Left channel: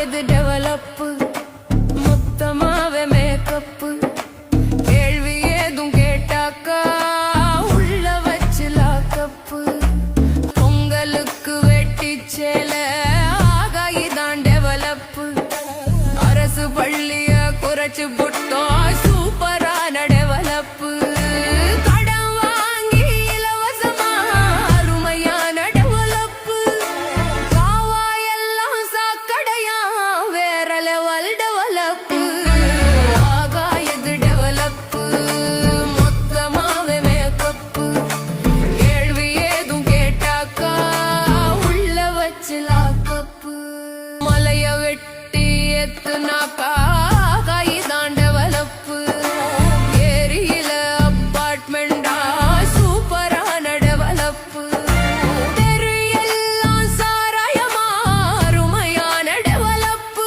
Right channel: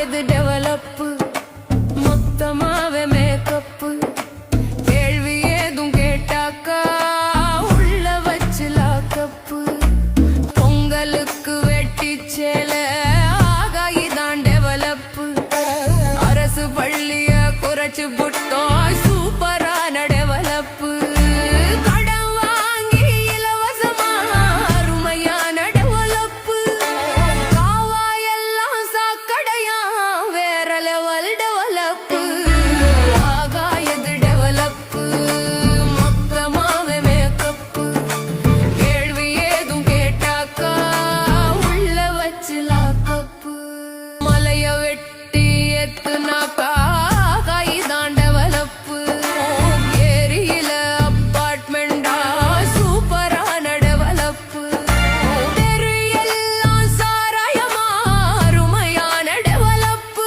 எது டெவலப்பு மொத்தமாவே மேக்கப்பு கேள்வி ஏதும் கேட்டாக்கா உள்ள வச்சு லாக்கப்பு பொங்கலுக்கு வெட்டி சேல ஆகாயிதான் டெவலப்பு அரசு பள்ளிய குறைச்சு புட்டோம் சூப்பரான டெவலப்பு கடன் வாங்கி இலவசமா அருமையான டெவலப்பு காவாயெல்லாம் சாக்கடையா வேற லெவல் டெவலப்பு ஆகாயது டெவலப்பு மொத்தமாவே மேக்கப்பு கேள்வி ஏதும் கேட்டாக்கா உள்ள வச்சு லாக்கப்பு மலைய வெட்டி எத்துனாக்கா கைதான் டெவலப்பு ஏரியில அப்பார்ட்மெண்டா சூப்பரான டெவலப்பு தெரு எல்லாம் சாராயமா அருமையான டெவலப்பு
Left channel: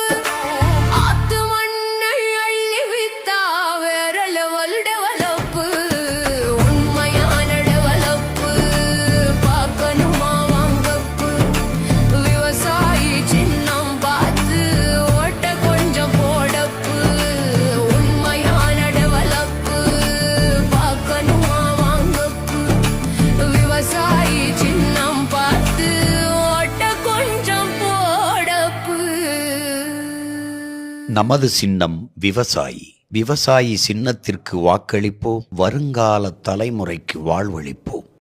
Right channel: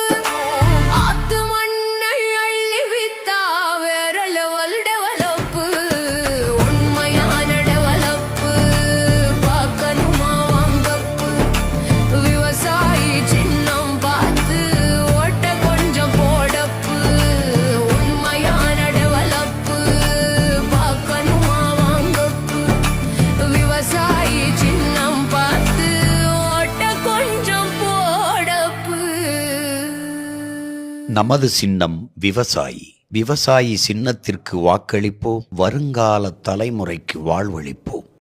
ஆத்து மண்ணை அள்ளி வித்தா வேற லெவல் டெவலப்பு உண்மையான டெவலப்பு பார்க்கணுமா வாங்கப்பு விவசாயி சின்னம் பார்த்து ஓட்ட கொஞ்சம் போடப்பு உண்மையான டெவலப்பு பார்க்கணுமா வாங்கப்பு விவசாயி சின்னம் பார்த்து ஓட்ட கொஞ்சம் போடப்பு. நமது சின்னம் விவசாயி. விவசாயி சின்னத்திற்கு வாக்களிப்போம், வருங்கால தலைமுறைக்கு வாழ்வளிப்போம்.